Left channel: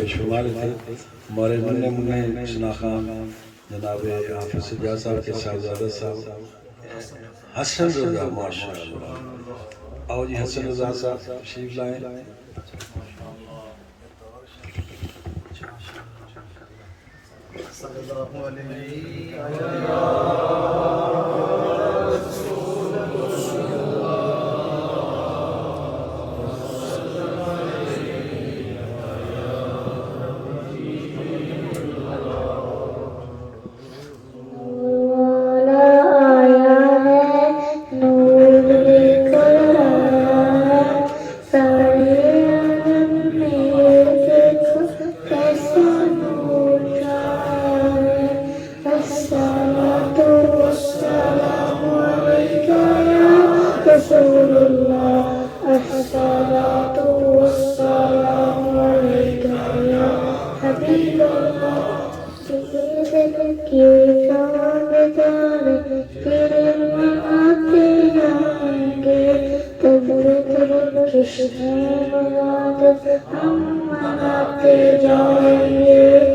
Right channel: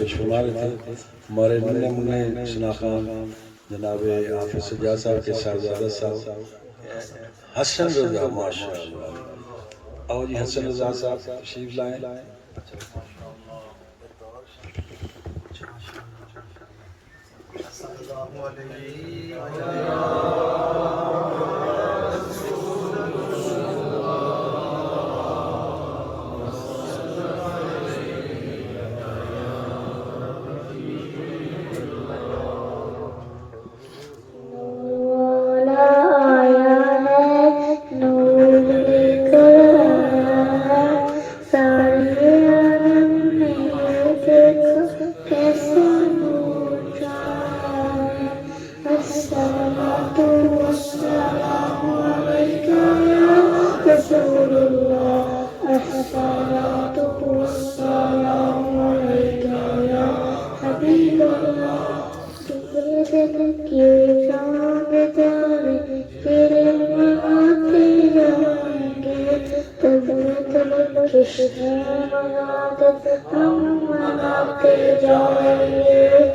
पेश फरमा रहे थे। हमारे नन्हे मुन्ने शिना खान जनाब हाफिज सज्जाद साहब के साहबजादा साहब हसन रजा, माशाअल्लाह। आओ जी हसन रजा साहब तशरीफ लाएं। कृष्ण हम मनाते जाएंगे।